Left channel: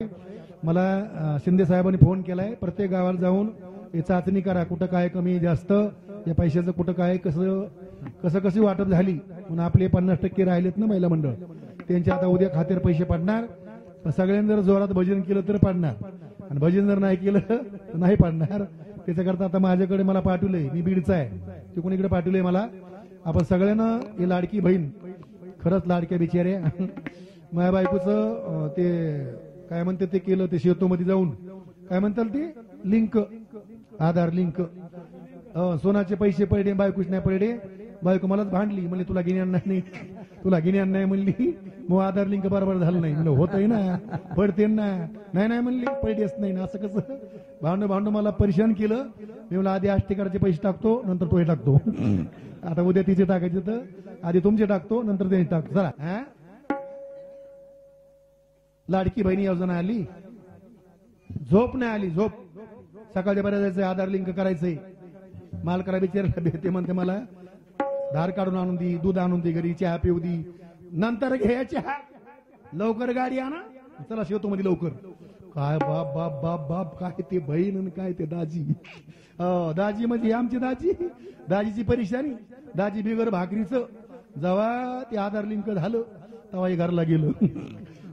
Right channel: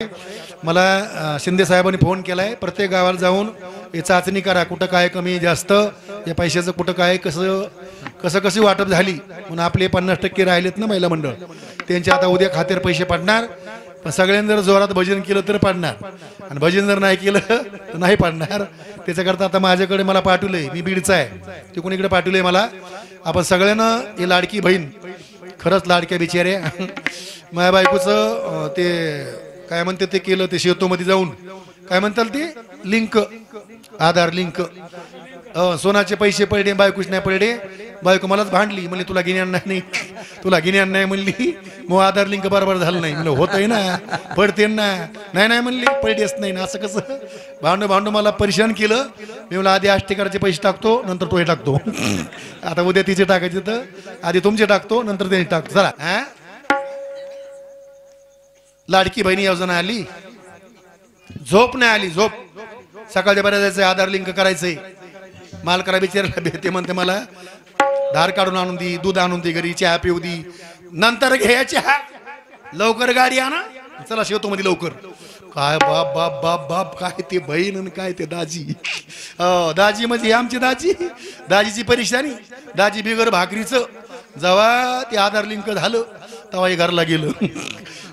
मला शिंदे साहेबांनी फोन केलाय, प्रत्येक गावाला जाऊन हे चाचणी करा, कुठं काय कमी जास्त, या पैशाचं कुठं काय कसं वाटप झाली. म्हणून आपले 50% राहिलेत ना महिला मंडळ, त्यांचे आता उद्या खात्यावर पैसे पडणार. पण सगळ्यांनी जर जोरात भजन केलं तर पडणार, आणि भजन जर नाही केलं तर नाही पडणार. त्याच्याकरता आता माझ्याकडे मला पाठवलंय, मी बीडचा आहे, ते कोणीकडे पाठवलंय मला. आपण सगळ्यांना ही लाडकी बहीण, खरंच लाडक्या बिचाऱ्या, माझ्या बायकोचं ते काय म्हणते ते केलं, ते शेतोमध्ये जाऊन काय म्हणतात ते लिंक, आधार लिंक, सोनाचे पैसे पडले, बायकोच नाही पडले. बायको मलाच भांडली, म्हणली तुला गिन्यान नाही, तुला गिन्यान नाही म्हणली. मग आधार लिंक बरोबर झालं नाही. म्हणलं होतंय ना, पडते ना. नाही म्हणली पडतेच नाही ना. असं कसं भांडू मला परेशान केलं. मी म्हणलं आधी आष्टीकराचे पैसे टाकतो, नंतर तो हे टाकतो. आता उद्या तिचे टाकायचे, तर आधी तुमचे टाकतो, नंतर त्यांनी टाकतो. चला, हा लाडकी बहिणी योजना आली, झोप नाही आली, झोप. सकाळच्या बऱ्या जायचंय, आधार लिंक करायचंय. मालकरा बिचारायला भेटते, म्हणते मला धार काढून आणून दी, दूध आणून दे, घरी चहा पिऊ दी, नंतर घ्या चहा, लवकर गाडी आणा, चला शेवतो मध्ये लवकर. काय बाप बाप बाप बाप, काय ते बहीण आणि काय ते दाजी. दाजी म्हणजे आमची दाजी, दाजीची परेशानी. दाजी बिगर भाकरीचं. जेव्हा ते आधार लिंक झालं तेव्हा हे घरला गेलं.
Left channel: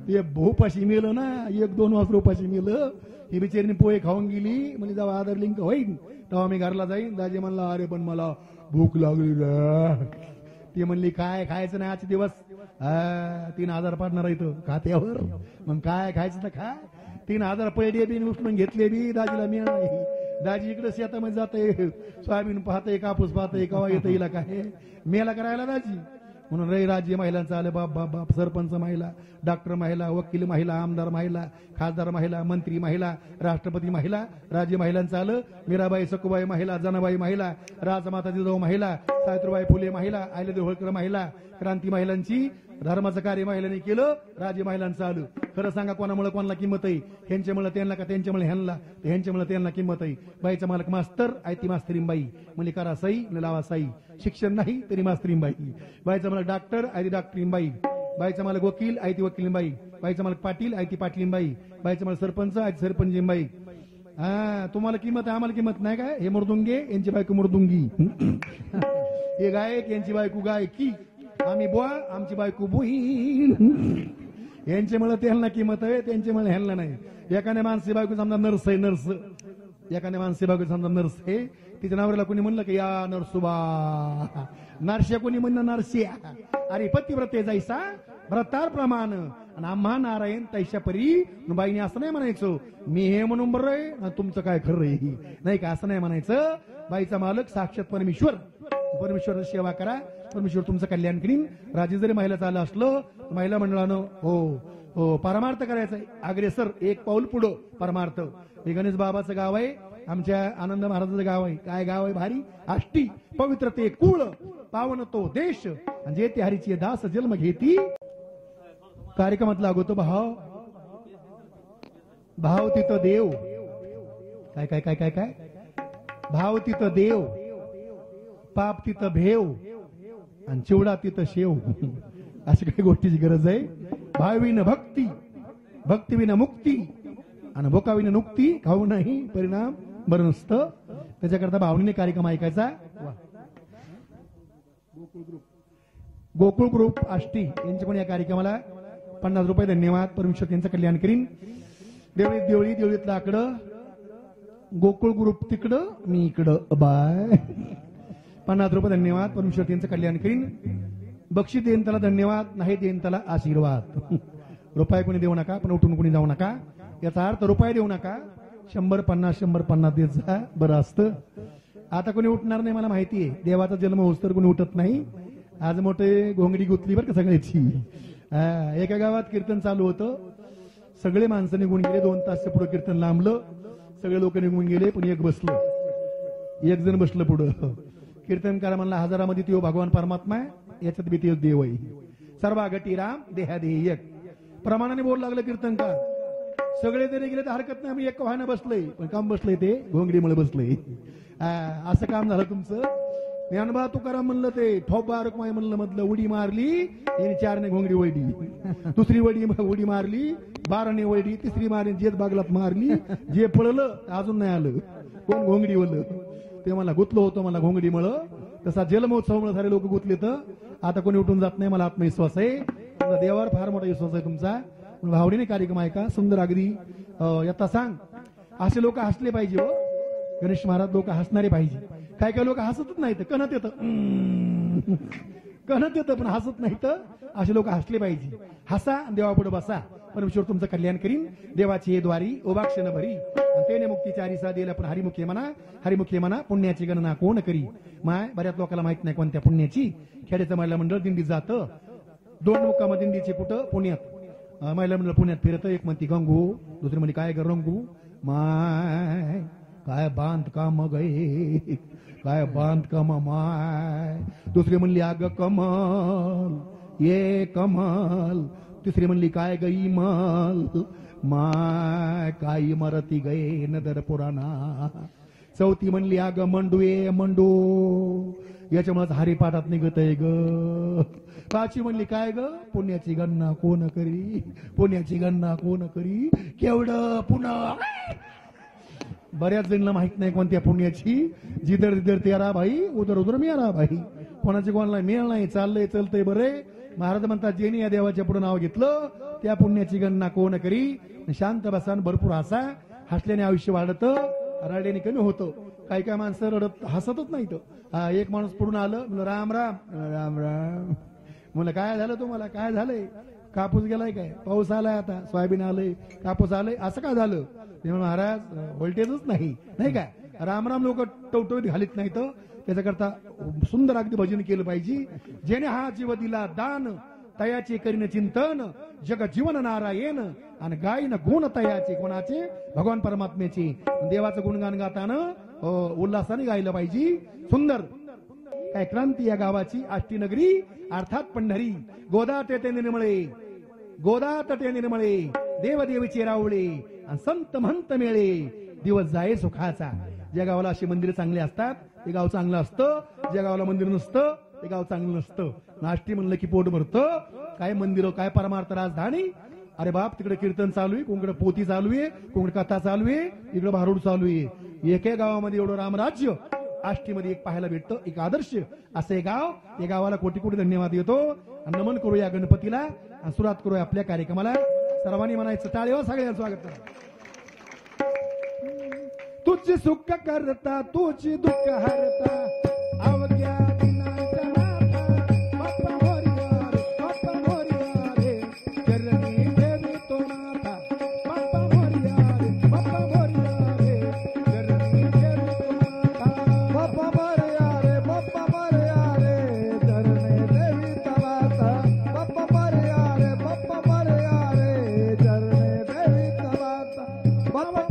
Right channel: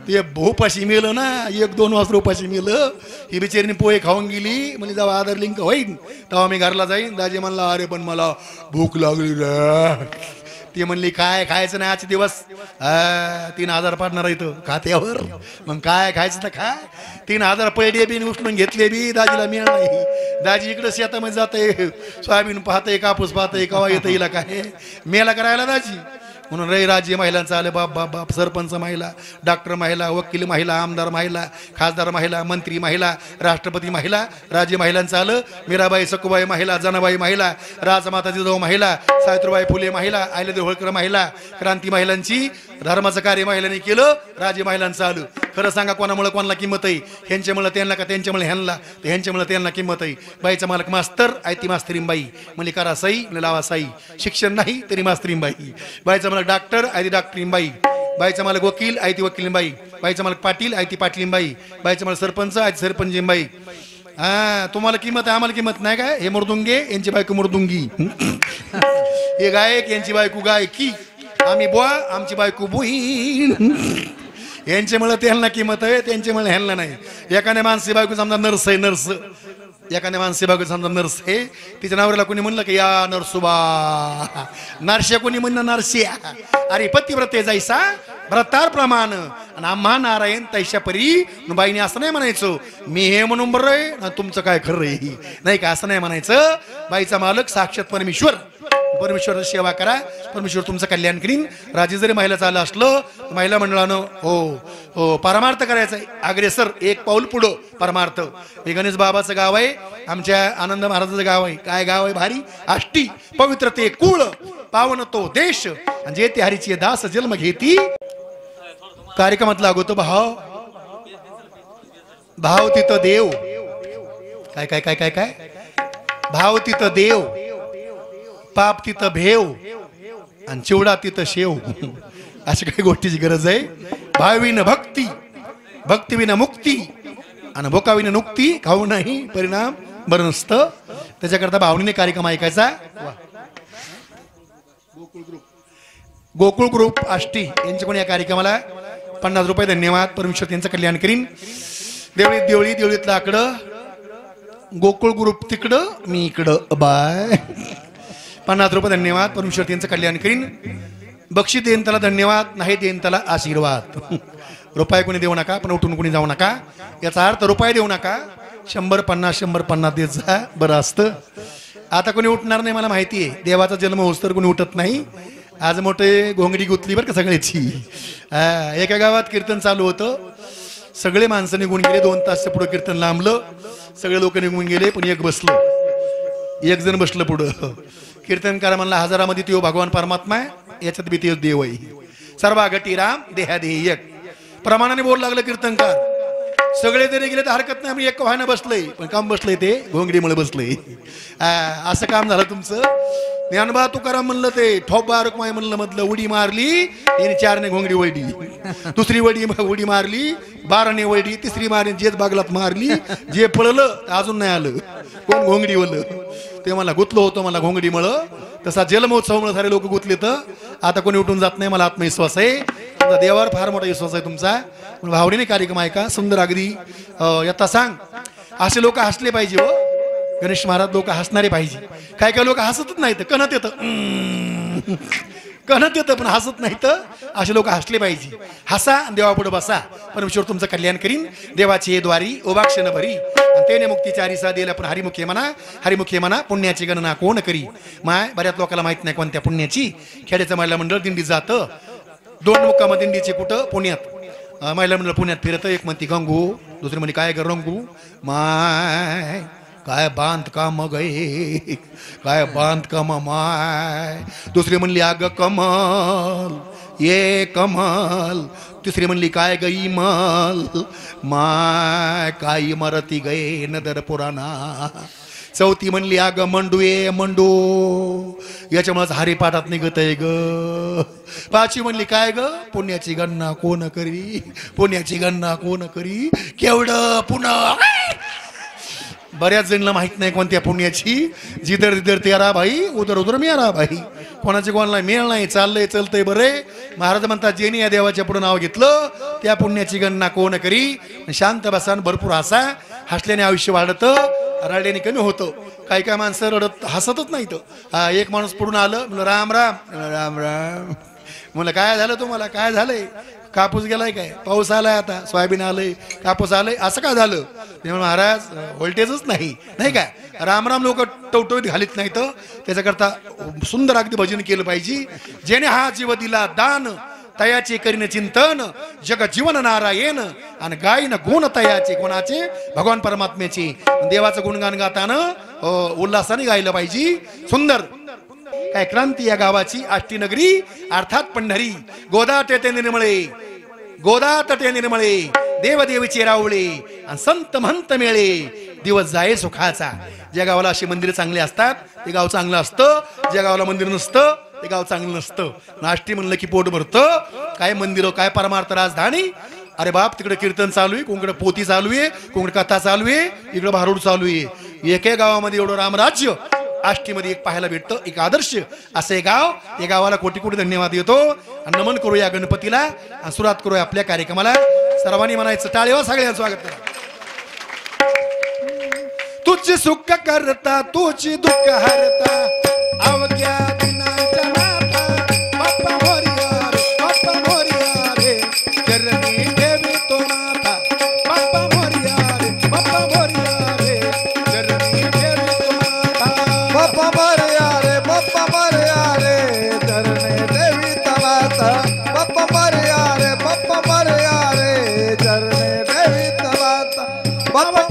ते उपाशी मिळलं ना, 1-2 वाजता उपाशी मिळलं. ही बिचारीने पोहे खाऊन गेली. म्हणजे जेव्हा आधार लिंक होईन तेव्हा मी घरला जाईन. दाजी म्हणला अरे पण मला भूक लागली रे. ती म्हणली काय खायचं नाही आजचे दिवस, 3000 पाडणार इथं खात्यावर, मग काय खायचं ना खा. 3000 पैडे बी उचलून घेतले बी, दाजीला मिळणार नाही. दाजी इकडं शेतामध्ये जाते, सोयाबीन पाहतंय, कापूस पाहतंय, कवा येतं हिला काय मेला करायला दाजी. म्हणून राज्य महिलांचं आलं, बाप बाप बाप, सरपंच महिला, डॉक्टर महिला, वकील महिला, आमदार महिला, खासदार महिला, मंत्री महिला, राष्ट्रपती महिला, राज्य महिलांचं आलं. मीराबाई सकुबाई महिला, जनाबाई महिला, राजमाता जिजाऊ महिला, सावित्रीबाई फुले महिला, अहिल्यादेवी होळकर महिला, क्रांती महिलांची, धर्माचं कार्य महिलांनी केलं, राज्य महिलांचं आलं. खरं सांगा कोणामुळे कोणाला किंमत आहे? ह्यांच्यामुळे त्यांना का त्यांच्यामुळे ह्यांना, तर ह्यांच्यामुळे त्यांना किंमत आहे. बाईचा मालक मास्तर आहे, ती मास्तरींबाई, म्हणजे करा सई लावा साई, शिक्षण नाही तरी मास्तरींबाई. बाईचा मालक डॉक्टर आहे, ती डॉक्टरींबाई. बाईचा मालक वकील आहे, ती वकीलींबाई. बाईचा मालक पाटील आहे, ती पाटलींबाई. बाईचा मालक सरपंच आहे, ती सरपंचींबाई. तुम्हाला किंमत आहे, आम्हाला किंमत नाही काय? हे मृदुंगे, यांची बायको मृदुंगी. हे गायक, यांची बायको गायकी. आम्ही बुवा, आमची बायको बुई. यांच्यामुळे त्यांना किंमत आहे, त्यांच्यामुळे ह्यांना नाही. एखाद्या माणसी बायको समजा नर्स आहे, नर्स. एखाद्या माणसी बायको समजा नर्स आहे, तिच्या नावाला कोणी म्हणलं की या नर्सुबा, नरश्या कोणी म्हणणं नरस्या. अरे पतिव्रते जायसा व्रतार प्रमाण, आणि आम्हा नारायण तैशा परी. बाईने असं नाही म्हणायचं मी हे म्हणून बरं आहे ना, तुमचं काय खरं आहे नाही का, असं नाही म्हणायचं. बाईचा मालक साक्षात परमेश्वर. परमेश्वर सेवा करा, परमेश्वर तुमचं कल्याण करीन. राज्य जरी महिला चाललं असलं, महिला मंडळानं हो परमार्थ करायचं आहे. अग्रेसर एक पाऊल पुढं परमार्थ. हे गणेश बाबाचं गाव आहे, आमच्या आनंद महाराजाचं गाव आहे. काय गाव आहे भारी, आष्टी, पवित्र ते कुळ, पावन तो देश, आणि जे ते हरीची दास जन्म घेती. कार्यक्रमात लागतो भाव, भाव तिथं देव. काय काय काय काय काय भाव तिथं देव, पाप तिथं भेव, आणि चिवडा तिथं शेव. अशा काही गोष्टीची गरज आहे. भावीन भक्ती, भक्तीविना मुक्ती, आणि भोकाविना नुक्ती. खाऊ नाही परिणाम बरं नसतं. त्याच्याकरता भावनीने कार्यक्रम ऐकायचा. गोकुळ ग्रुप आष्टी यांच्याकडून या कार्यक्रमाला 50 रुपये धन्यवाद. परमेश्वर त्यांचं कल्याण करीन. देवळीतलं आकडं, गोकुळ ग्रुप तिकडं, मी इकडं. बाय. 50 रुपये धन्यवाद. परमेश्वर त्यांचं कल्याण करीन. बक्षीस देईन त्याला धन्यवाद, नाही देईन त्याला आशीर्वाद. रुपये कोणी देऊ नका, पण उठून कोणी जाऊ नका. याचा अर्थ रुपये देऊ नका, 100-50 देत जा, बरं असतं. आता कोणी उठणार नाही मला माहिती आहे. देवाचा जन्म होस तर कोणी उठत नाही. आज मोठे घोंगडी गुतली बरं का सगळ्याची. एका गावात कीर्तन चालू होतं, सगळे माणसं निघून गेले. 2 तासच्या पुढं कीर्तन लांबलं, सगळे लोक निघून गेले, पण एक बसलं, एक जण बसलं पुढं. कीर्तनकार म्हणला हजारामध्ये तो भगवान परमात्मा आहे, याच्यात बी तेच देव आहे. सर्वा गटी राम देहादेही एक. प्रमाणाने बोल लागलं कीर्तनकार. सगळे जरी गेले तर हरकत नाही, आम्ही एक व्हायला बसलंय, पण काम बसलंय ते घोंगडीमुळे बसलंय. असं काम झालं तुमचं. ज्ञानबा तुकाराम म्हणलं ते ठोबा रुक्माई म्हणलं मधलं उडी मारली याने 4ने घोंगडी वळली, दुसरी उडी मारली 12ने वळली, तिसरी मारली जेच बागलात मारली, जे पळलं अजून नाही आलं कोण घोंगडी वळलं. ते मला गुतलो होतं मला घोंगडी मळ. तसा जलमहोत्सव मुळे सारे लोक गुतले तर आता कोणी उठून जात नाही. मला आत्मविश्वास आहे, तुमचा देवावर फार मोठा विश्वास आहे तुमचा. भावनेने कार्यक्रम ऐका सुंदर अगदी. यथा सांग असे लोक हसले पाहिजे हो. गणेश महाराज लोक हसणारे पाहिजे. काय काय लोक हसतच नाहीत, कणत येतं कणत येतं पण हसत नाहीत. असे लोक हसले पाहिजे. हसा देवापुढे बसा, परमेश्वर तुमचं कल्याण करीन. देवाची हे द्वारी ओबाक्षण भरी आणि तेने मुक्तीच्या हरिसा दिला. पण हरिमुखे म्हणा पुण्याची गणना कोण करी. माय बऱ्याच लोकांना माहित नाही कोणत्या पुण्याची. खेड्याचं महिला मंडळ दिंडी जातं. 2 मुक्काम दिंडीचे कुठं पुण्यात. महिला मंडळ पुण्यात फिरतं. एक म्हणती गंगू, दुसरी म्हणे काय ग रंगू. माय काय बांधकाम गए, काय बांधकाम माय. दुसरी म्हणली अग कमल ये कमल. तिसरी म्हणली काय गई मल माय काय इमारती गए नदर पुराणा. चौथी म्हणली अग मंडू ये मंडू, याच्यामुळेच हरिपाठात निघत आहे ग. 5वी म्हणली काय ग पुण्याची गणना कोण करी, पुण्याची गणना कोण करी. केवढं पुन्हा बऱ्याच जणांना माहित नाही कोणत्या पुण्याची. जिधर जिधर तेरा भाई उधर उधर मेरा भाई. कोणाचे कोणाला मेळ नाही. चाललंय चलतंय बरे. महाराज म्हणतात ज्यांनी या देवाच्या पुढे नाव घेतलं त्या पुण्याची गणना कोण करी. शांत बसा भरपूर हसा. हसल्याने आयुष्य वाढतं, रडल्याने कमी होतं. काही काय माणसं रडत हसतच नाहीत. एक माणूस पुढून आलं म्हणलं राम राम राम राम. म्हणलं काय झालं तुम्हाला, काय झालंय. कापूस गेलाय काय, पाऊस आलाय, आता सोयाबीन आलंय, कापूस आलंय, असं काय झालं. महाराज व्होल्टेजच नाही काय. रामराम लोक टवटवीत घालीत नाही तर त्याच्याकरता सुंदर अगदी भजन केलं पाहिजे. जेणे हा जीव दिला दान तयाचे करीन चिंतन. जग जीवन नारायण आणि गायन गुण तयाचे कोणाचे भगवान परमात्म्याचे. देवाचं गुणगान गाताना उल्हासाने गायलं पाहिजे. सुंदर काय क्रांती या गावाची आष्टीनगरी अर्थात पंढरी. गोदा तटे निर्मळे, गोदा तटे निर्मळे, देवदेवीचे रावळे आणि संत महंत मेळे. दिवस जाये सुखाचा. ज्या गावाला अशी मंदिर चांगली असतात ते गाव चांगलं असतं. ज्या गावाला मंदिर नसतं ते गाव चांगलं नसतं. नाष्टी म्हणलं की पोट भरतं. काय मंदिर, काय परमार्थ राजधानी. अरे बाप तिकडे कीर्तन चालू आहे, कोणकडे पोती चालू आहे, कोणकडे कथा चालू आहे, इकडे भारूड चालू आहे. एके गावामध्ये एवढं रामराज्य आष्टीमध्ये एक पाहायला भेटतं. एक आदर्श असे गाव. या गावाला कोटी कोटी धन्यवाद देतो आणि नमन करूया गणपतीला आणि सुरुवात करूया आपल्या कार्यक्रमाला. सर्वांनी म्हणायचं टाळेवा, सगळ्यांचं स्वागत करा. तुझी सुख करता तुझी दुःख हरता अवघ्या दिनाच्या नाथा. बाप्पा मोरया रे, बाप्पा मोरया रे, चरणी देवी तो नाथा. बाप्पा मोरया रे, बाप्पा मोरया रे, चरणी देवी तो नाथा. बाप्पा मोरया रे, बाप्पा मोरया रे, चरणी देवी तो नाथा. बाप्पा मोरया रे, बाप्पा मोरया रे, चरणी देवी तो नाथा. बाप्पा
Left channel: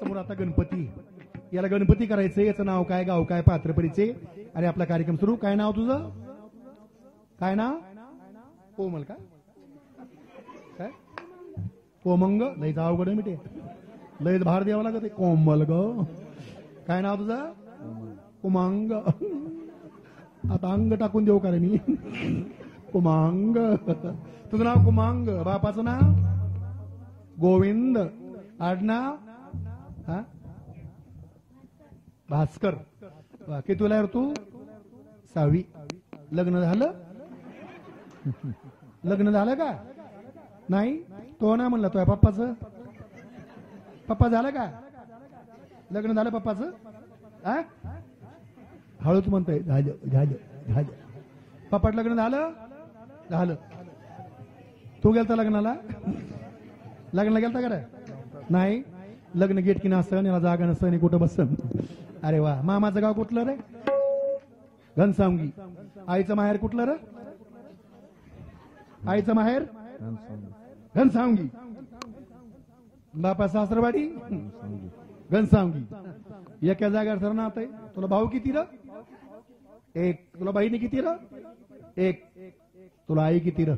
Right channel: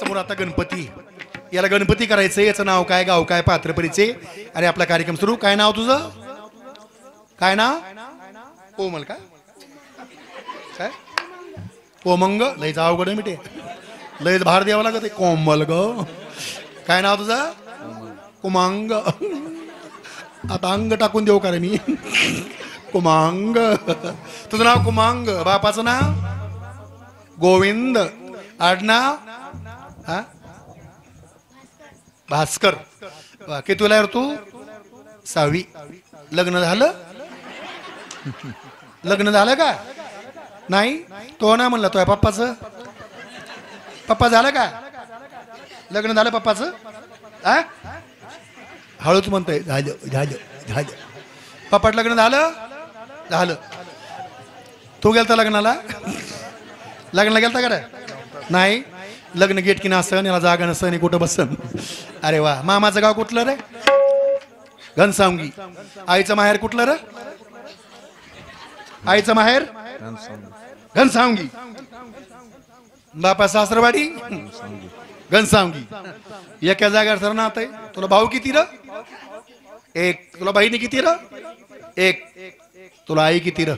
समोर आता गणपती. याला गणपती करायचंय. याचं नाव काय, गाव काय, पात्र परिचय. अरे आपला कार्यक्रम सुरू. काय नाव तुझं, काय नाव. कोमल का, काय कोमंग. लयच अवघड मिटे, लयच भार द्यावं लागत. कोमल ग. काय नाव तुझं, कुमांग. आता अंग टाकून देऊ का रे मी. कुमांग. तुझं नाव कुमांग. बापाचं नाव गोविंद. आडनाव भास्कर. किती तुला यार तू 6वी. लग्न झालं, लग्न झालं का नाही. तो ना म्हणला तो पप्पाचं. पप्पा झालं का, लग्न झालं पप्पाचं. हळूच म्हणतोय झालं झालं झालं. पप्पाट लग्न झालं झालं. तू गेलता लग्नाला, लग्नाला गेलता का रे. नाही. लग्न गेट की नसन याला जागा नसन आणि कुठं बसन. अरे वा. मामाचं गाव कुठलं रे? घनसावंगी. आईचं माहेर कुठलं रे? आईचं माहेर घनसावंगी. बापा सासरवाडी घनसावंगी. एका जागेवर सर ना आता तुला भाऊ किती र? एक. तुला बहिणी किती र? एक. तुला आई किती र?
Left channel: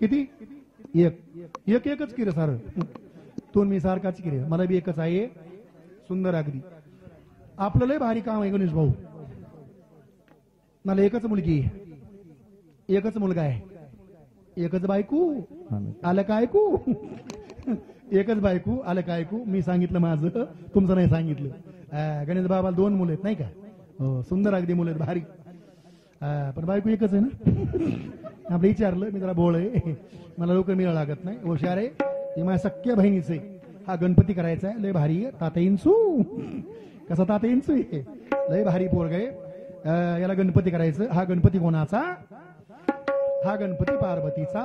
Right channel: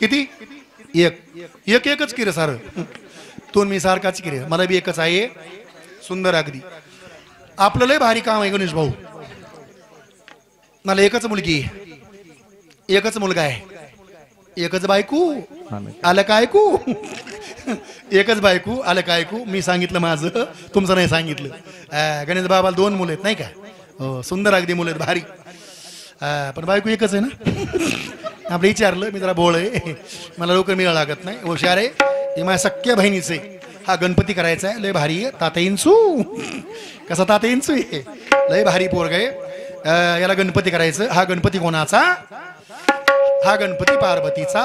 किती? एक. एकच की रे सार. तू मी सारखाच की रे. मला बी एकच आहे. सुंदर अगदी. आपलं लय भारी काम आहे गणेश भाऊ. मला एकच मुलगी आहे, एकच मुलगा आहे, एकच बायको आलं काय ऐकू. एकच बायको आलं काय ऐकू. मी सांगितलं माझं, तुमचं नाही सांगितलं. गणेश बाबाला 2 मुलं आहेत नाही का? हो सुंदर अगदी मुलं आहेत भारी. पण बायको एकच आहे ना. आपलं विचारलं मी जरा बोळ आहे, मला लवकर मिळावं लागत नाही. हुशार आहे. हे माझ्या सख्या बहिणीचे. हा गणपती करायचा आहे. लय भारी आहे. ताता इंचू. कसा ताता इंचू आहे. लय भारी पोरग आहे. याला गणपती करायचं. हा गणपती कोणाचा? हा गणपती पार्वतीचा.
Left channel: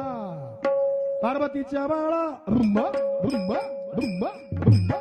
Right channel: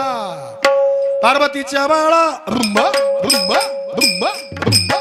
पार्वतीच्या बाळा रुंबा रुंबा रुंबा रुंबा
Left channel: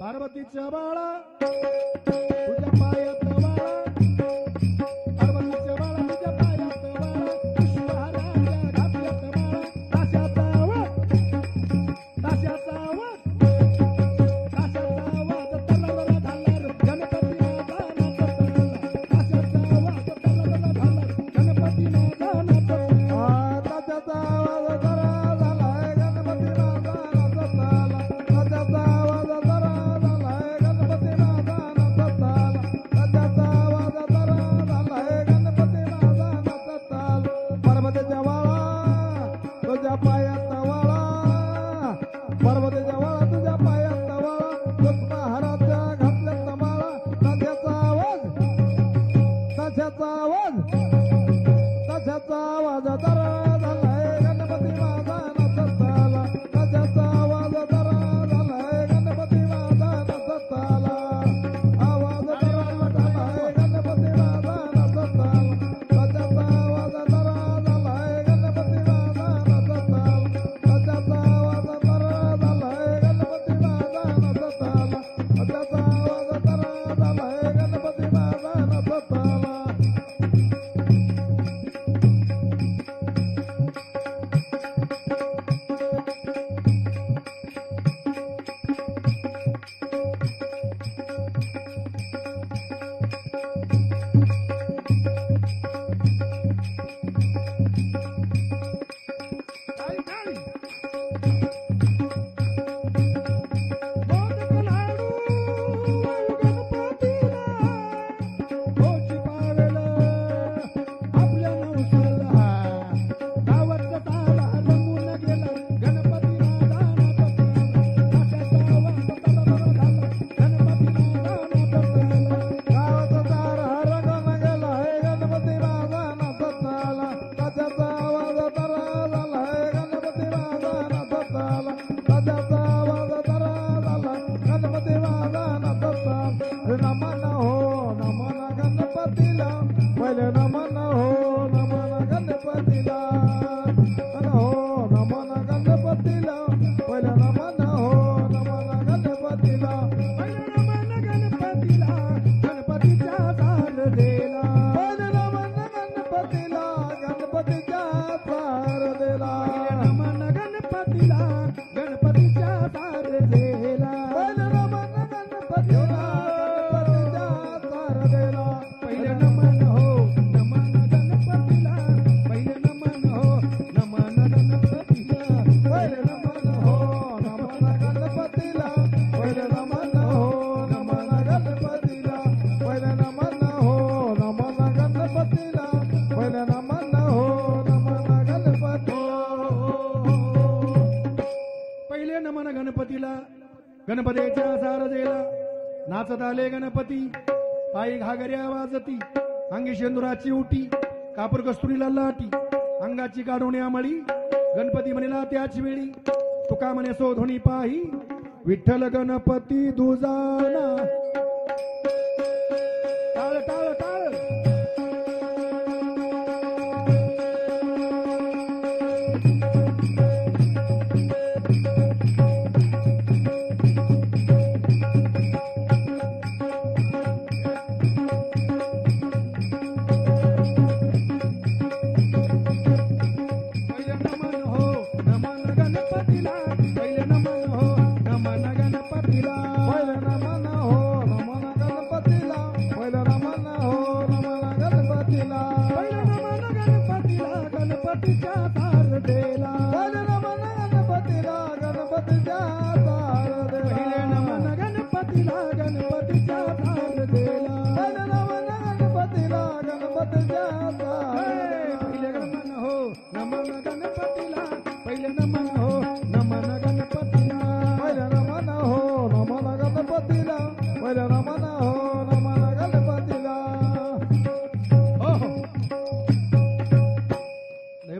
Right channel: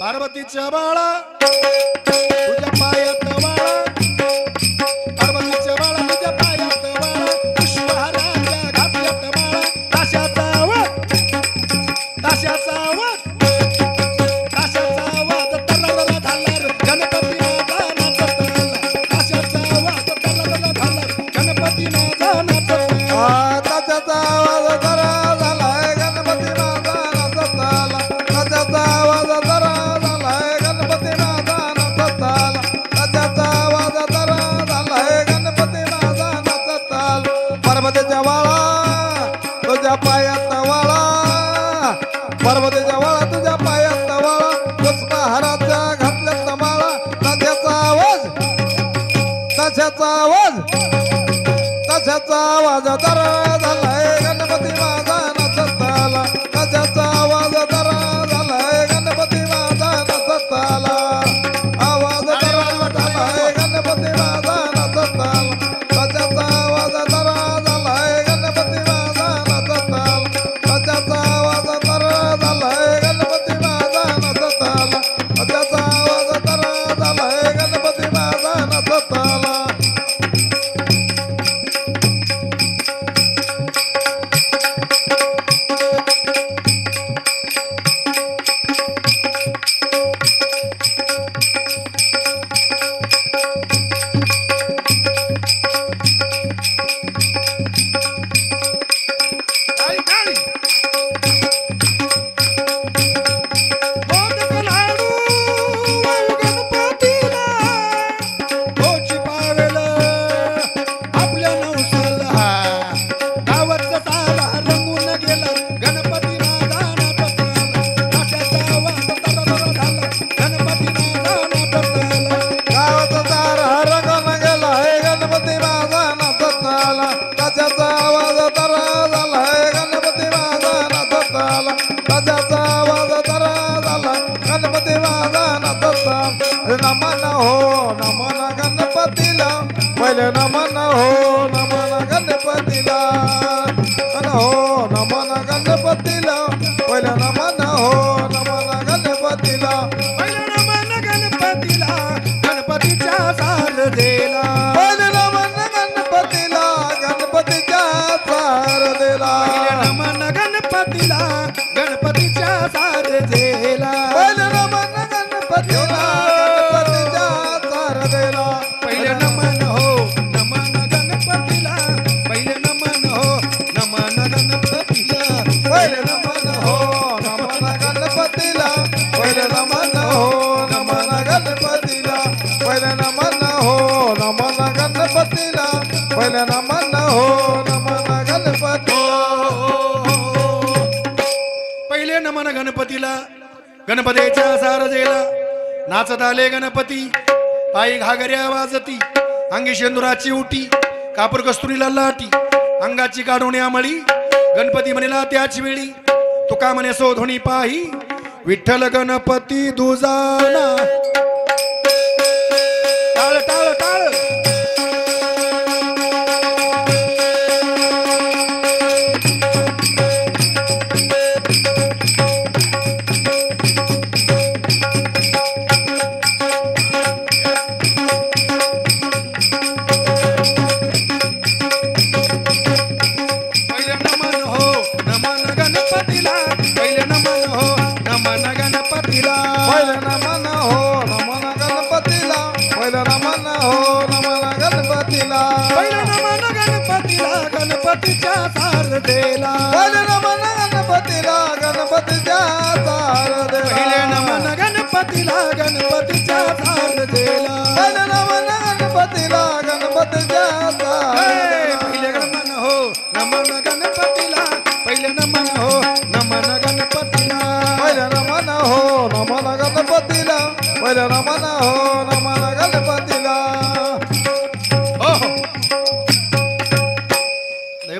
पार्वतीच्या बाळा तुझ्या पायात वाळा. पार्वतीच्या बाळा तुझ्या पायात वाळा. पुष्पहाराच्या घातल्यात माळा. ताशाचा आवाज, ताशाचा आवाज, ताशाचा आवाज तलरला झाला. गणपती माझा नाचत आला. ताशाचा आवाज तलरला झाला. गणपती माझा नाचत आला. ताशाचा आवाज जरा झालाय. गणपती माझा नाचत आला. ताशाचा आवाज जरा झालाय. गणपती माझा नाचत आला. ताशाचा आवाज जरा झालाय. गणपती माझा नाचत आला. पार्वतीच्या वाळा तुझ्या पायात वाळा. पार्वतीच्या वाळा तुझ्या पायात वाळा. पुष्पहाराच्या घातल्यात माळा. ताशाचा आवाज, ताशाचा आवाज, ताशाचा आवाज जरा झालाय. गणपती माझा नाचत आला. ताशाचा आवाज जरा झालाय. गणपती माझा नाचत आला. आवाज जरा झालाय. गणपती माझा नाचत आला. ताशाचा आवाज जरा झालाय. गणपती माझा नाचत आला. ताशाचा आवाज जरा झालाय. गणपती माझा नाचत आला. ताशाचा आवाज जरा झालाय. गणपती माझा नाचत आला. टाळी, टाळी. मोदक लाडू गणपतीला तोची पावेल आपल्या नवसाला. गावाचा सारा रंगून गेला. गणपती माझा नाचत आला. ताशाचा आवाज तलरला झाला. गणपती माझा नाचत आला. गावाचा सारा रंगून गेला. गणपती माझा नाचत आला. ताशाचा आवाज जरा झालाय. गणपती माझा नाचत आला. ताशाचा आवाज जरा झाला. गणपती माझा नाचत आला. नमन हो नमन गणपतीला. पहिले नमन हो नमन गणपतीला. नमन हो नमन गणपतीला. पहिले नमन हो नमन गणपतीला. पहिलं नमन गणपतीला. गणपतीच्या शारदेला. पहिले नमन गणपतीला. गणपतीच्या शारदेला. पहिलं नमन गणपतीला. गणपतीच्या शारदेला. पहिले नमन गणपतीला. गणपतीच्या शारदेला. पहिलं नमन हो नमन गणपतीला. पहिलं नमन हो नमन गणपतीला. पहिले नमन हो नमन गणपतीला. पहिले नमन हो नमन गणपतीला. पहिले नमन हो नमन गणपतीला. पहिले नमन हो नमन गणपतीला. पहिले नमन गणपतीला. गणपतीच्या सारजेला नाचत आले गणपती पायी घागऱ्या वाजती अंगी शेंदुराची उटी कापूर कस्तुरीला लाटी अंगाची काढवणे आमळी गणपती म्हणेला त्याच वेळी तुका म्हणे सोधोणी पाही विठ्ठल गणपती दुजाना टाळ टाळ टाळ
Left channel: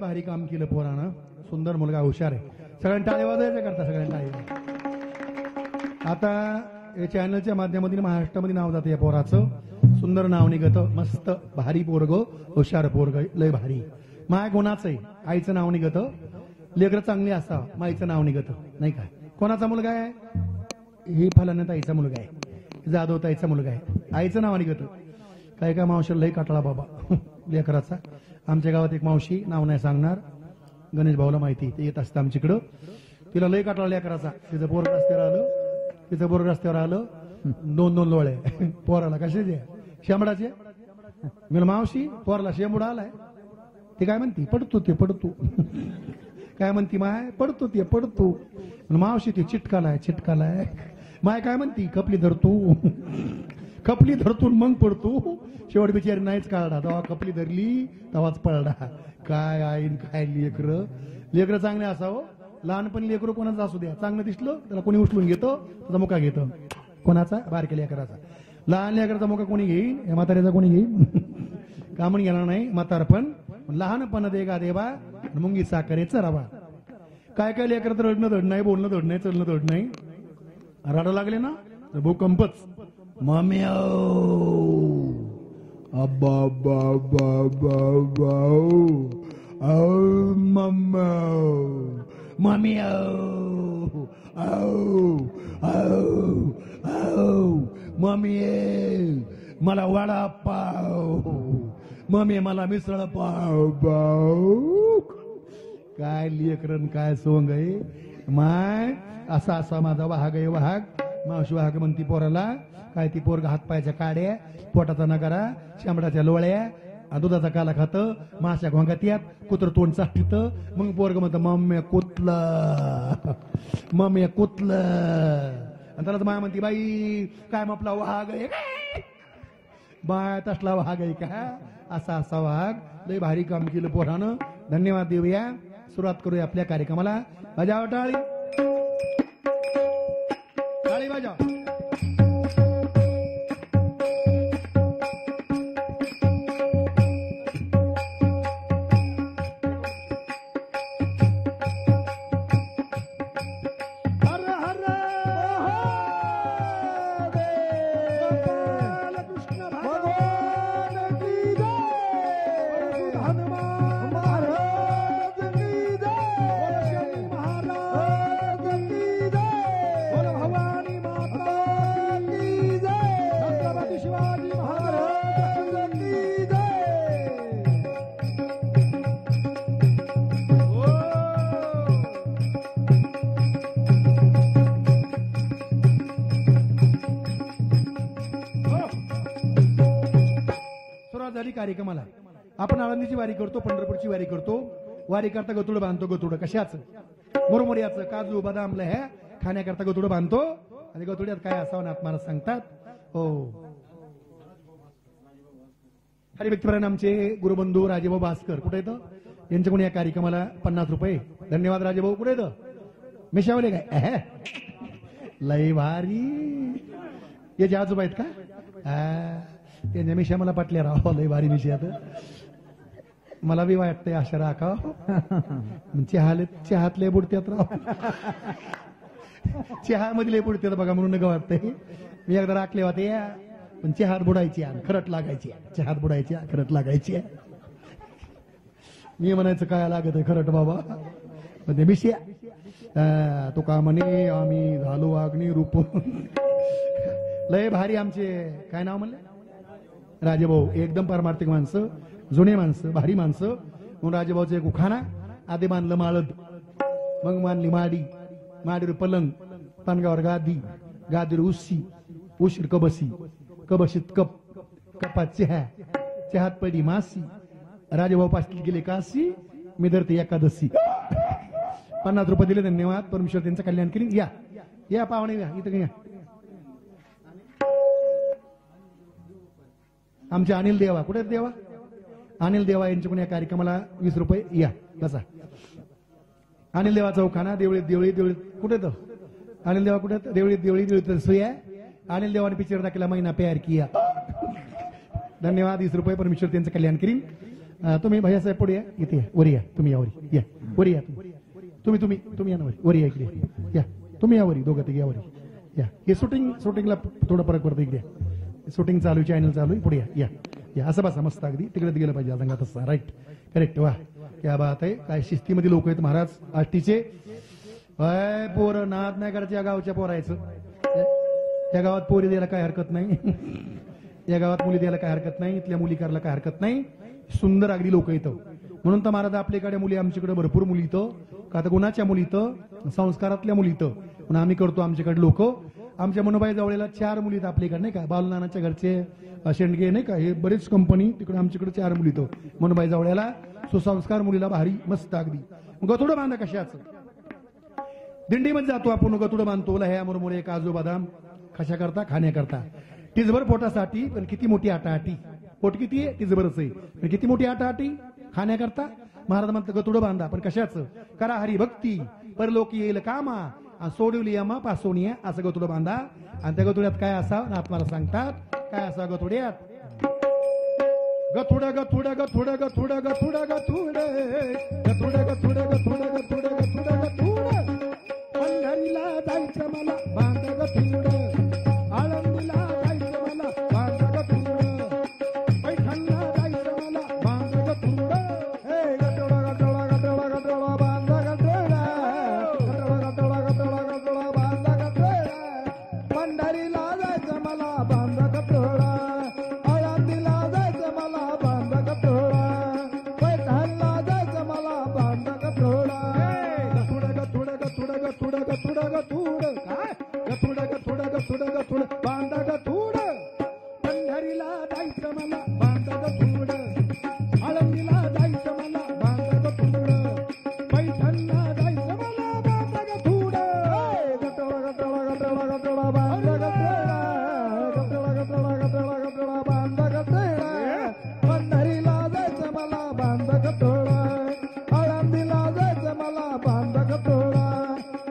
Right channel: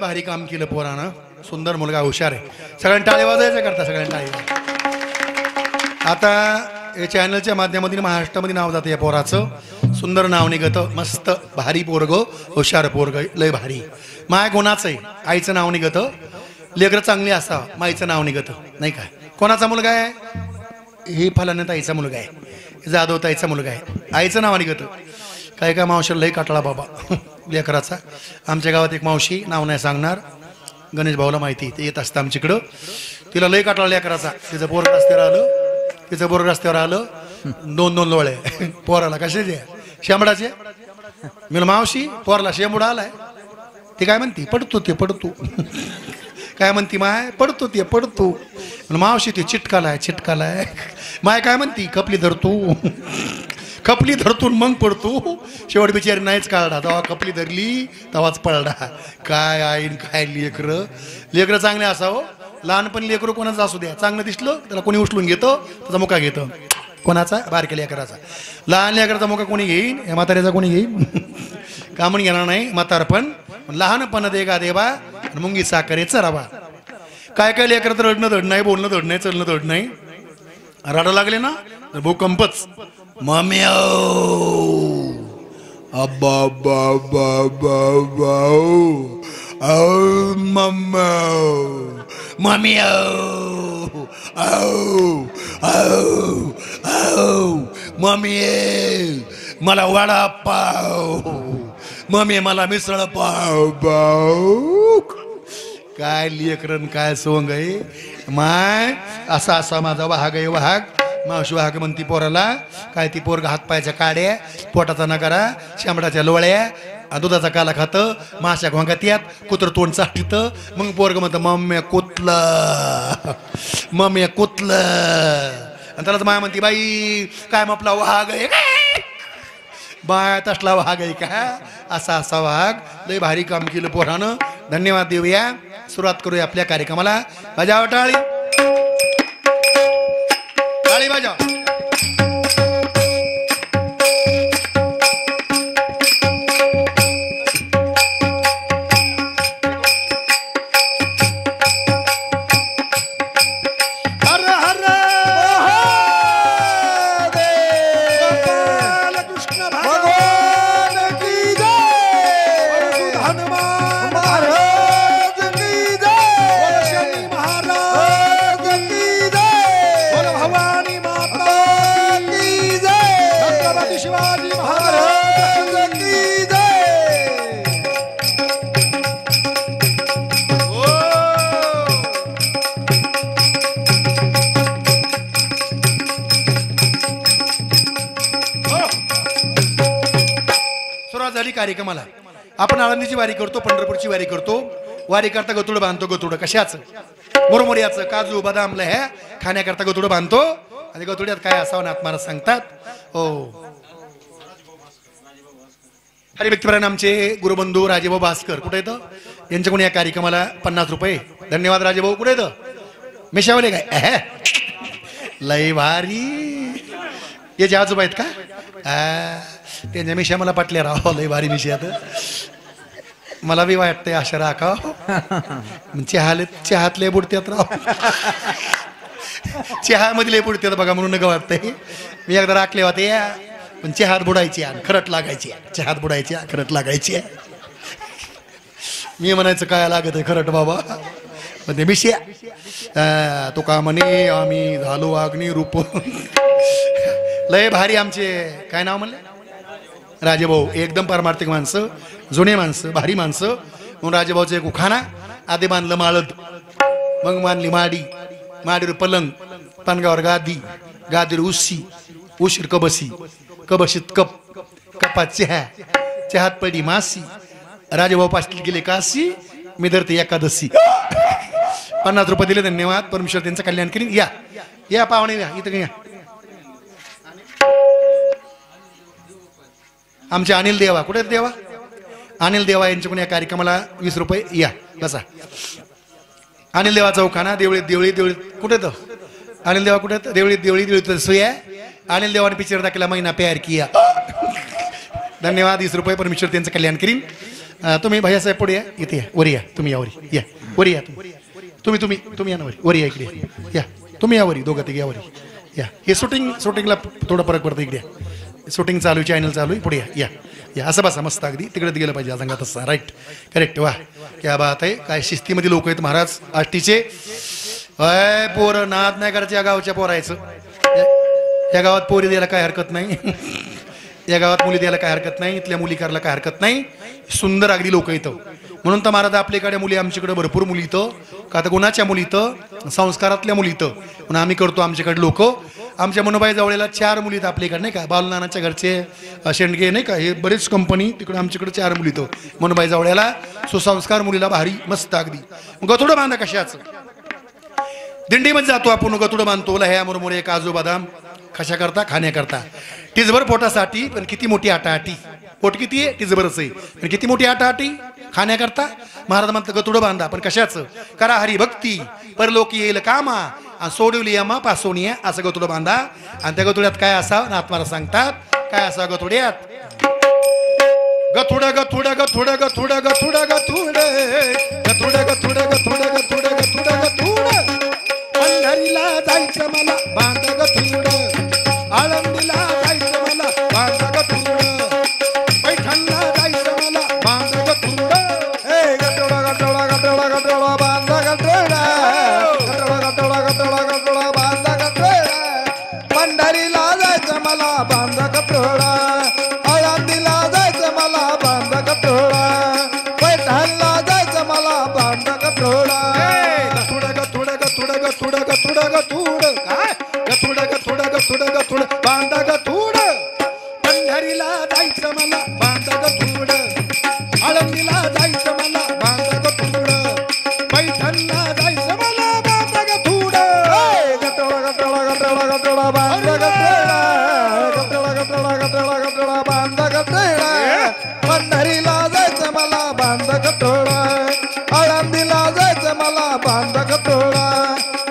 भारी काम केलं पोरानं सुंदर मुलगा हुशार आहे सगळ्यांनी टाळे वाजायचं करता सगळ्यांनी टाळे आता या चॅनलच्या माध्यमातून महाराष्ट्रामध्ये नाव जातं या पोराचं सुंदर नाव निघतं मस्त भारी पोरग हुशार पोरग लय भारी माय गुणाचं आहे आईचं नाव निघतं लेकरं चांगली असावं माईचं नाव निघतं नाही काय कोणाचा मुलगा आहे ही फलाने ताईचा मुलगा आहे जाधव ताईचा मुलगा आहे आईचं नाव निघतं काय काय मावशीला लय काटला बाबा लेकराचा आमच्या गावात एक मावशी नाव नाही सांगणार गणेश भाऊला माहिती ते येत असतं आमच्याकडं तिला लय काटला लेकराचा तिचं पोर रस्त्यावर आलं 2-2 लोळे पोराला कशाचे शेंबडाचे मी मावशी पोराला शेंबूड आलाय ते काय म्हणती पडतो काय म्हणती माय पडतो मावशी ते चिटकालाय माय काय म्हणती खपली धरतून मग पडतो शेवट बिचारी नाहीच काढा तेव्हा खपली धरली तेव्हाच पडला काय आईन काय लेकरं चांगले असावं लहानपणी लेकरं कोणाचं असू द्या चांगलं दिसलं त्याला कोणी उचलून घेतं त्याचा मुका घेतं कोणाचा बारक्या लेकराचा लहान लेकराचा मुका कोणी घेईन या म्हाताऱ्याचा कोणी घेईन कामण घेणार नाही म्हातारपण लहानपण देगा देवा मुंगी साखरे चरावा काय काय लेकर तर रडणं धड नाही बोलणं धड नाही चलणं धड नाही रडा लागले ना तर भूकंपच मम्मी अब्बा मम्मी मम्मी मला वडा पाव मम्मी मला मिसळ पाव काय लेकरन काय सोंग आहे माय असा माझा वाहग आहे वाहग मावशी वाहक म्हणती पोराला काय ती पोरगा हातपायच्या काड्या पोटाचा नगारा शेंबडाच्या लोळ्या दुधाचा काला खातं माशा घोंगात यात कुत्र तोंड चाटीत मग पोरग म्हणतं मम्मी कुतलं आणि त्यालाच माया म्हणती बाई काय आपला वाघ आहे बाय तसला वाघ आहे का असा वाघ लय भारी काम केलं पोरानं धन्यवाद देऊया सुरुवात करूया आपल्या कार्यक्रमाला बजाव टाळी बजाव कार्यक्रमाला आपण आळंदीची वारी करतो पंढरपूरची वारी करतो वारी करता गतुड बांधतो गतुड कशाच मुरमुऱ्याचं काजू बदाम लह्या खाण्याकरता गतुड बांधतो आणि गतुड्यात काय असावं नाथ महाराज सांगतात हो हरिभक्तपरायण आमचे गुरुबंधू राजेभाऊ भास्कर कुठे येतं यांच्याकडून या कार्यक्रमाला 50 रुपये धन्यवाद राजेभाऊ कुठे येतं मिशावले काय लय भारी. याचे आजोबा आहेत का? त्यांच्या मिशा मला पटल्या राव, लय भारी मिशा. मला बी वाटतंय अशा राखा. चहातले बुडत्यात राव. चहामध्ये लय बुडत्यात बघा, म्हणून नका वाटतंय. मी एकदा राखले होते, पण चहात बुडायची खरट लागायची. चहात बुडायची खरट लागायची. मी म्हणायचं काय लागत आहे खरट बाबा. पण ते मिश्या तो का म्हणे आम्ही झालो अग्नी रूप. लय भारी आमचे काय नाव म्हणले? राजेभाऊ. एकदम पारमार्थिक माणसं, जुने माणसं, भारी माणसं. म्हणून राजेभाऊचं एक उखाणा. आधी बांधलं माळद, मग बांधली माडी, माडीवर पलंग, पणगावर गादी, गादीवर उशी, उशीर कबशी, कबशीत कप, कपात चहा, चहात पडी मासी. राजेभाऊ पाटील गेले काशी, मी धरते एकादशी. 50 रुपये दिले, धन्यवाद. परमेश्वर त्यांचं कल्याण करीन. या या पाहुणे या इथं या. आमचे अनिल देवा. कुठे देवा? अनिल देवा यांच्याकडून या कार्यक्रमाला 20 रुपये. या बसा. अनिल देवा चौखाना. देवळीत देवळी देवळीत कुठे तो अनिल देवा? कुठे? देवळीत देवळी देवळीत सोया. अनिल देवाने पिक्चर दाखवला महिना प्यार किया. धन्यवाद. 20 रुपये. परमेश्वर त्यांचं कल्याण करीन. तुम्ही भैया साहेब पुढे या. इथे या, वरी या. तुम्ही या वरी या. वरी या तुम्ही. तुम्ही या ना वरी. वरी या इकडे या. तुम्ही या वरी. दोघं तिघे या वरी या. हे शूटिंगला थोडा फरक पडतो. इकडे शूटिंग चालू, चॅनल चालू आहे. पुढे या या. असं बसा मस्त. अगदी तिकडे गेलं पाहिजे सांगा तसं. Right, correct. वा क्या बात आहे. काय शिस्तीमध्ये लोक आहेत महाराज आष्टीचे. पोरं नाद नाही करायचं या गावच्या पोरायचं. या गावात पोरी द्यायला काय हरकत नाही. या गावात मुली द्यायला काय हरकत नाही. इथल्या मुली करायला काय हरकत नाही. सुंदर अगदी लोक इथं. म्हणून तर महाराज आपल्याकडे मुली, आमच्याकडे भरपूर मुली इथं. का तर गुणाच्या मुली इथं, संस्कारातल्या मुली इथं. म्हणून आम्ही करतो आमच्याकडे लोक. आमच्या मनोबाई जवळला 4 मुली आहेत आपल्याकडे नाही का. बालनानाच्या घरचे शेंडगे नाही का, हे बरेच कंपनी तिकडे. आमच्याकडे 4 मुली इथं मनोबाई जवळला. सुसंस्कार मुलीला भारी मस्त अगदी. गथुडं बांधा कशाचं. दिंडीमध्ये जातो आपण, गथुडं बांधतो. लह्या मुरमुरे काजू बदाम कशा करता? खाण्याकरता. टिजभर पोटासाठी. पण किती मोठी आटाआटी. पोट किती आहे? टिजभरच आहे. पण किती मोठी आटाआटी खाण्याकरता. महाराज म्हणतात गतुडं बांधा. पण कशाचं? करा हरिभक्ती, परलोकी येईल कामा, आणि सोडवली यमा पासोनिया. असं गतुडं बांधा. आणि त्या गतुड्यात काय असावं? नाथमारा सांगतात काय असावं गतुड्यात. गथुड गथुड गथुड गथुड गथुड गथुड गथुड गथुड गथुड गथुड गथुड गथुड. पंढरीला जायचं मला बांध गथुड. आळंदीला जायचं मला बांध गथुड. पैठणला जायचं मला बांध गथुड. ए गटोडा गटोडा गटोडा गटोडा बांधा गटोडा. गटोडा गटोडा गटोडा गटोडा बांधा गटोडा. पंढरीला जायचं मला बांधा गटोडा. आळंदीला जायचं मला बांधा गटोडा. पैठणला जायचं मला बांधा गटोडा. गथुड गथुड गथुड गथुड गथुड गथुड. काय? गथुड गथुड गथुड गथुड बांधा गथुड. पंढरीला जायचं मला बांधा गथुड. आळंदीला जायचं मला बांधा गथुड. पैठणला जायचं मला बांधा गथुड. गटोडा गटोडा गटोडा गटोडा बांधा गटोडा. गटोडा गटोडा गटोडा गटोडा बांधा गटोडा. पंढरीला जायचं मला बांधा गटोडा. आळंदीला जायचं मला बांधा गटोडा.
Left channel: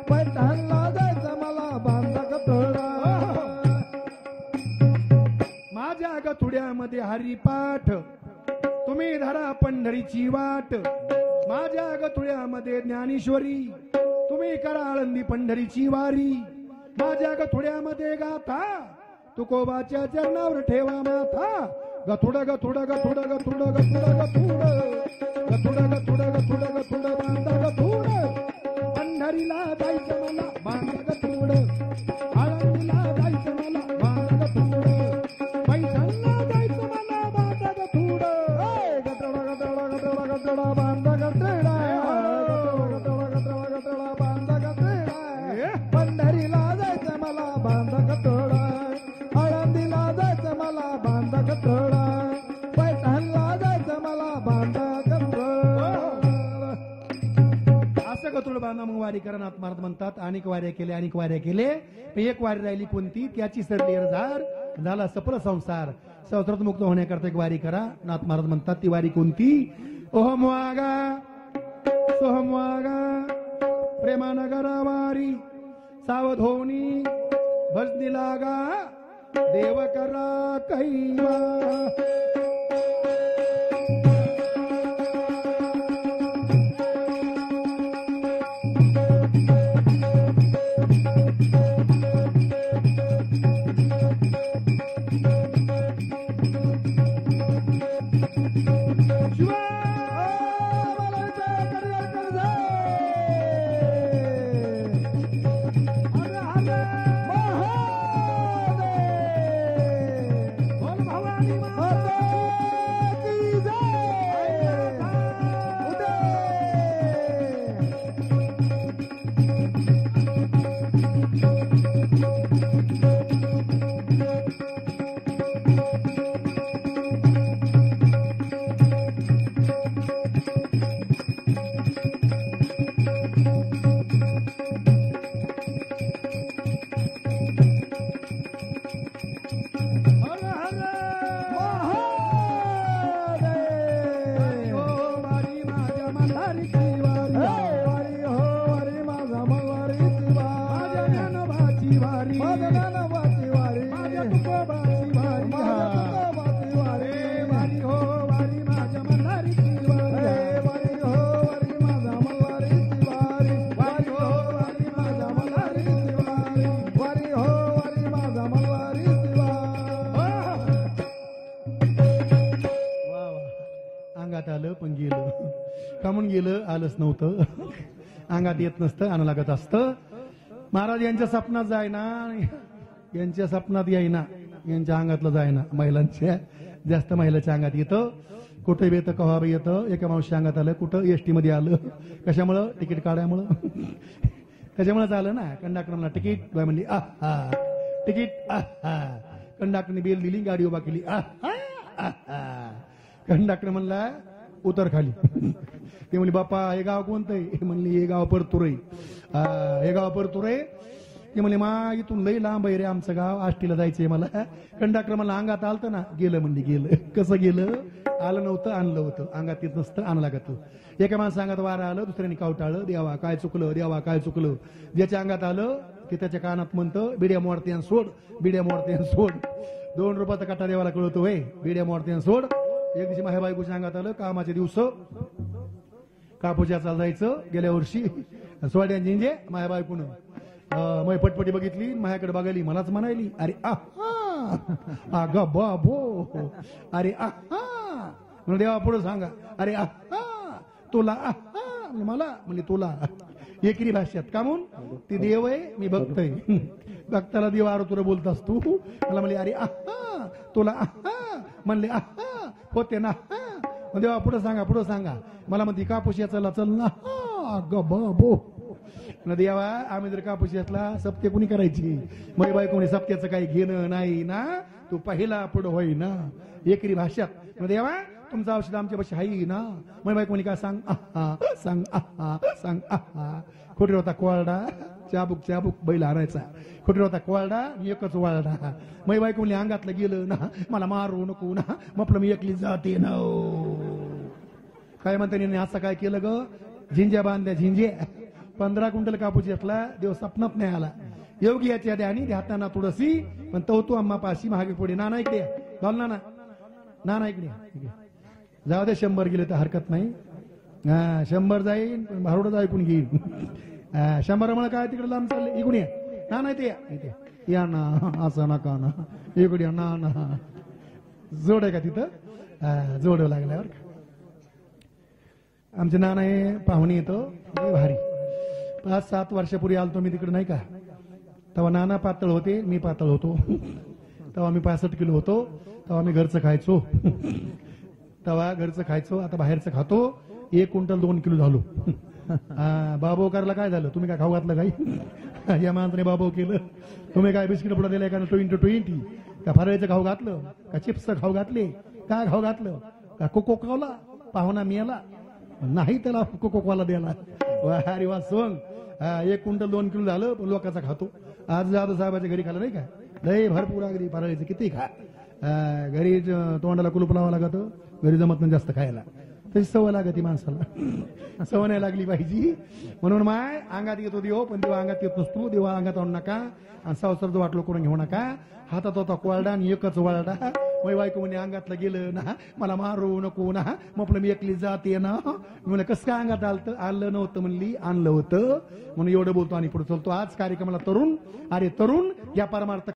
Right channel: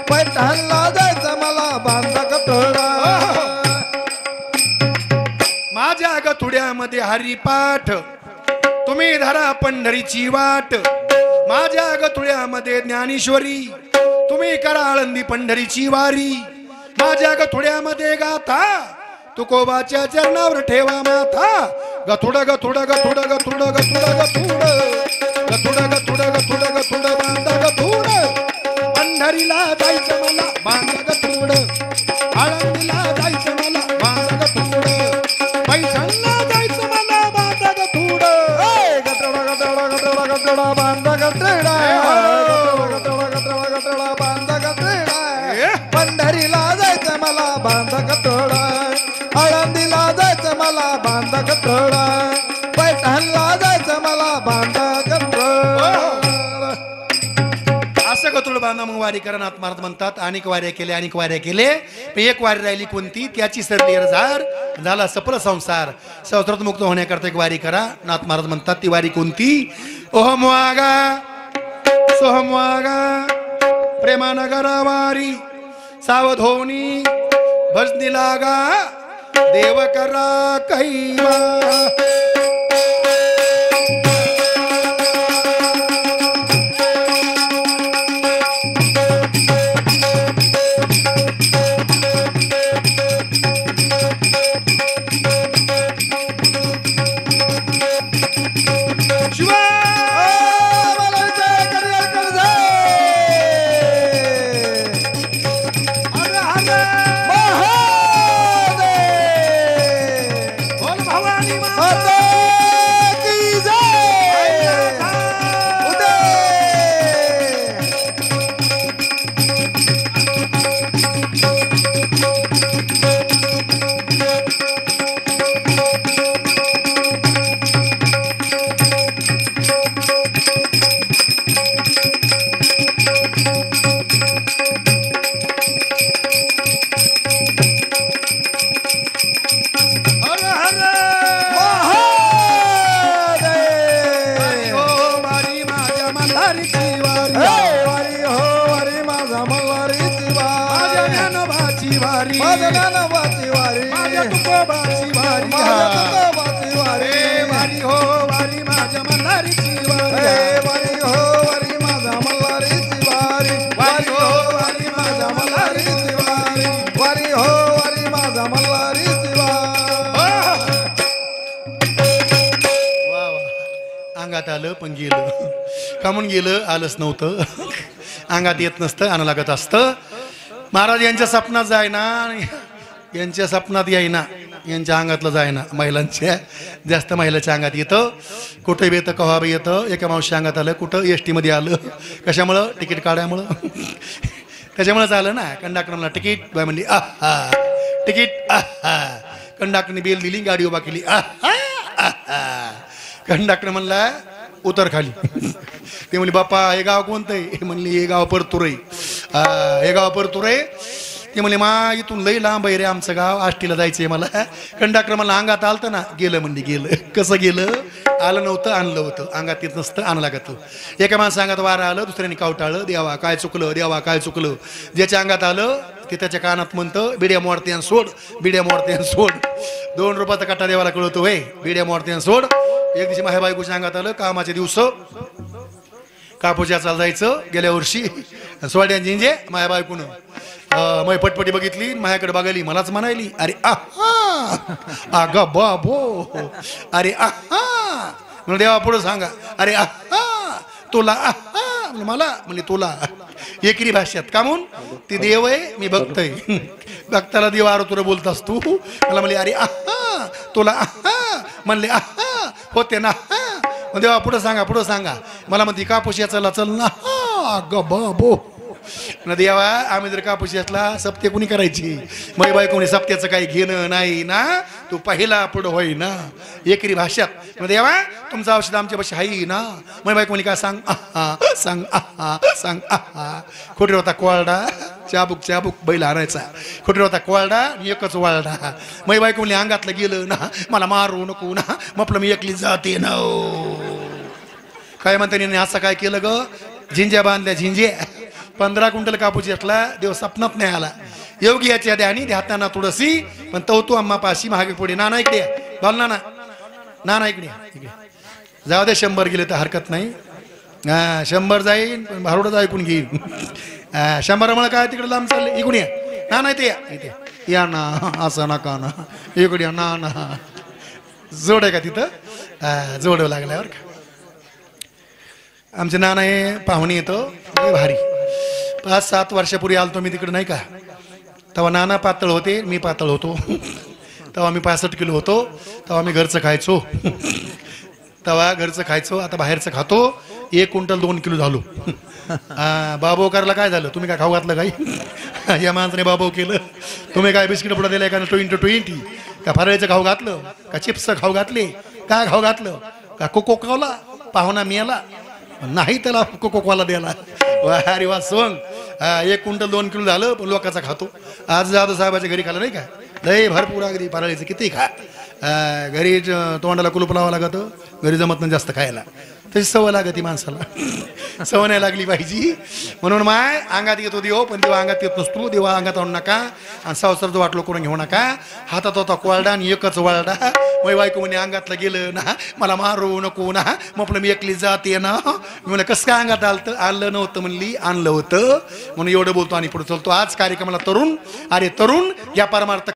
पैठणला जायचं मला बांधा गटोडा. माझ्या गथुड्यामध्ये हरिपाठ, तुम्ही धरा पंढरीची वाट. माझ्या गथुड्यामध्ये ज्ञानेश्वरी, तुम्ही करा आळंदी पंढरीची वारी. माझ्या गथुड्यामध्ये गाथा, तुकोबाच्या चरणावर ठेवा माथा. गथुड गथुड गथुड गथुड गथुड गथुड गथुड गथुड गथुड गथुड बांधा गथुड. पंढरीला जायचं मला बांधा गथुड. आळंदीला जायचं मला बांधा गथुड. पैठणला जायचं मला बांधा गथुड. गटोडा गटोडा गटोडा गटोडा बांधा गटोडा. गटोडा गटोडा गटोडा बांधा गटोडा. पंढरीला जायचं मला बांधा गटोडा. आळंदीला जायचं मला बांधा गटोडा. पैठणला जायचं मला बांधा गटोडा. असं गतुड बांधा मग वारी करा. नाथ महाराज म्हणतात अनेक वाऱ्या केल्या, अनेक वाऱ्या केले, पण एक वारी राहिली कोणती? त्याची सरली झार झाला सफल संसार. संसारात मुक्त होण्याकरता एक वारी करा. नाथ महाराज म्हणतात ती वारी कोणती? ओहम वागा सोहम वागा प्रेमानगरा वारी. सावधोनी भजनी लागा देव करा कैवा आलं पण गेलं कामून गेलं आलंच नव्हतं अंगात येत नसतं आणं लागत असतं महाराज यांच्या स्वप्नात जायना यांच्या स्वप्नात यायना यांच्या अंगातलं जायना महिलांच्या जास्त महिलाच्या अंगात येतं कुठे बी येतं कव्हा बी येतं एका मावशी अंगात आलं कुठं एस मध्ये आलं कशामुळं तिकीट काढायमुळं त्याच्यामुळेच आलं ना कंडक्टर म्हणला तिकीट बाय म्हणली आहा तिकीट आहा कंडक्टरने बेल दिली गाडी उभा केली आहा कंडक्टर म्हणला उतर खाली ते म्हणले बाप्पा हे गाव कोणतं आहे म्हणली हे गाव परतुरे हे गाव परतुरे ते म्हणले मा इथून लई लांब आहे रे आमचं गाव आष्टीला जायचंय मला कंडक्टर मला अंगात आलतं ना गेलं म्हणजे गेलं कसं गेलं आलं नव्हतं आणलं होतं अंगात येत नसतं आणलं लागतं एका माणसं अंगात वारं आलं दुसऱ्याने कावटाळलं देवा काय चुकलं देवा काय चुकलं ज्याच्या अंगात आलं ते त्याच्या कानात म्हणतं बिड्या मोडते आणि सोड बिड्या मोडते आणि सोड 2 रुपयाचा कट्टा देवाला कळवतो वय बिड्या मोडते आणि सोड एक दिवशी माझ्या बायकोच्या अंगात आलं कामाचे दिवस कापूस याचाला जायचं गेल्या वर्षी सोड्या जिंजे माझ्या बायकोनं मग पटपटी बघितली माझ्याकडे बघायली मलाच म्हणायली अरे आहा अग बाबो अरे आहा म्हणून देवा पुढं सांगा अरे आहा तुला आहा मला म्हणजे तुला एकरी भाषेत का म्हणून ती देव आहे मी बघतोय भक्ताला देव आरो तुला बोलतास तू मला म्हणले अरे आहा तुला आहा म्हणले आहा होते ना देवा पुढं सांगा मला म्हणते कापूस याचाला चल ना अग बाबो न देवा आम्ही जर कापूस याचला सप्ते कुणी करायची मै बाई कोणी सप्त्याचं काही घेणं नाही ना तू पहिला पुढं होई ना एकरी भाषात देवा तुमचं औषध आमच्या पाशी हाई ना मै बाई कोणी काय सांग आहा सांग आहा सांग आहा खोटी होता कोरडा चाबूक बैल आणायचा खोटी होता कोरडा एकच वाळडा मै बाई कोणी अंगातलं गेलं ना मला मारू नको ना म्हटलं मी एकली जाते ना काय म्हणते असं काय केलं ग झिंज्या बांधल्या झिंज्या 15 क्विंटल कापूस घेतला देव सपनात नाही आला योगी याच्या द्यानी हाताना तुळसी पण तो अम्मा पाशी महागे पुढे नाना इकडे बोल नाना इकडे जाऊ दे 100 गेले तर हरकत नाही 100 जाईन पण भारुडच ऐकून घेईन 100 मला काय तिकडे लांब चालले इकडून या ना नाही ते इथे या ना असं नका ना इकडे या ना ना जोड आहे का तिथं जोड लागल्यावर का आमचे नाना हे पाहुणे येतो भारी 5-7 वर्षापूर्वी आलतो मी तिकडे नाही का तेव्हा नाना पातळ होते मी पातळ होतो तेव्हा मी 65 किलो होतो तेव्हा मी घरचं खायचो आता बाहेरचं खातो 1 क्विंटल 2 किलो झालो बाबो करायला काय झालं तुम्ही काय खाऊ घातलं काही या माणसाने बाबो केलं तुम्ही काय बिस्किट पुढे दिलं का 20 का फराळीचं खाऊ घातलं का चिप्स खाऊ घातले काय खाऊ घातलं का कोको खावला पाहुणा मिळाला नाही त्याला कोकोवाला द्यायला अरे वा सोंग 1 क्विंटल 2 किलो झालं पण लोकांचा खातो आज जाधव साहेबाच्या घरी खाल्लं नाही का लय भरपूर अगदी फराळीचं किती खा घरी तोंडाला कुलूप लावावं लागतं घरी जमत नाही जास्त खायला तशी सवय लागती माणसाला सवय नाही लागली पाहिजे म्हणून माय अंगात येतो देव पण देवा अंगात येत नसतो देवा अंगात आणू नका आणि संसार जो वाटलो करून घेऊ नका हातात होता कोरडा आणि एकच वाळडा मग बायको म्हणे अंगातलं गेलं ना मला मारू नको ना मग आपलं मी एकली जाते ना मी म्हणलं कसं काय अंगात आलं नव्हतं म्हणली आणलं होतं म्हणून एवढं बोलतो आणि पुढे चलतो आज कार्यक्रमाला तरुण अरे तरुण या परमार्थ